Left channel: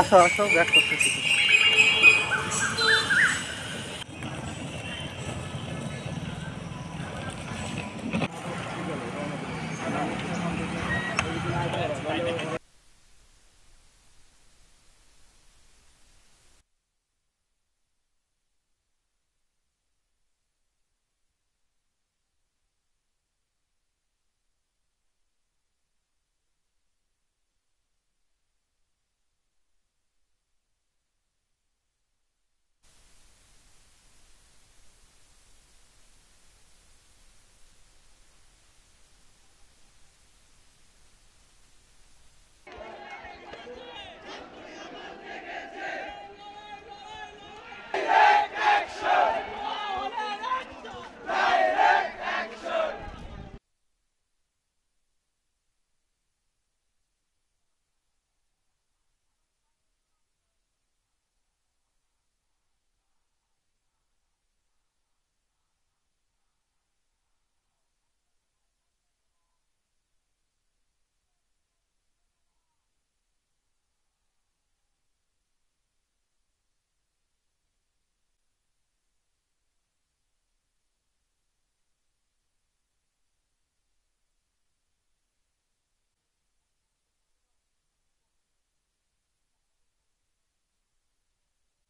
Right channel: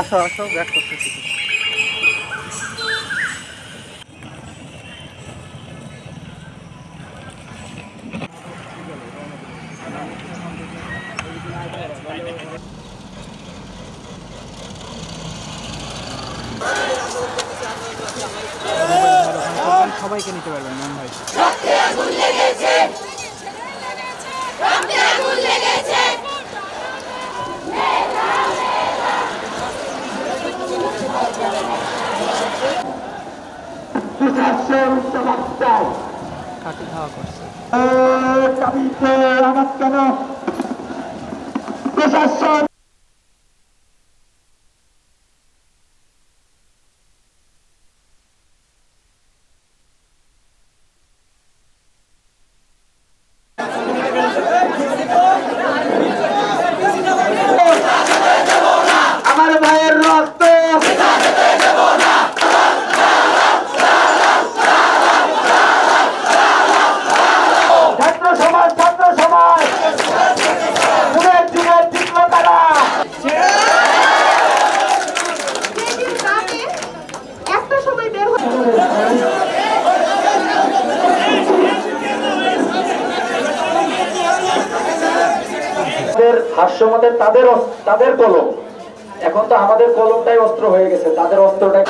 আসো আসো ব্যাক করতেছি। সবাইকে নিতে পারবেন ম্যাম ভাই। কাটি খাওয়া করছে আমার কেন প্রশাসন আমার ভাইয়ের রক্ত ছাত্র সমাজ পুনের দিনে জিতল তারা। একটা সময় বের হয়ে হাস্যমতের তাদের কলম, এখন তো আমাদের কলমটাই অস্ত্র হয়ে গেছে, তাদের অস্ত্রটাই।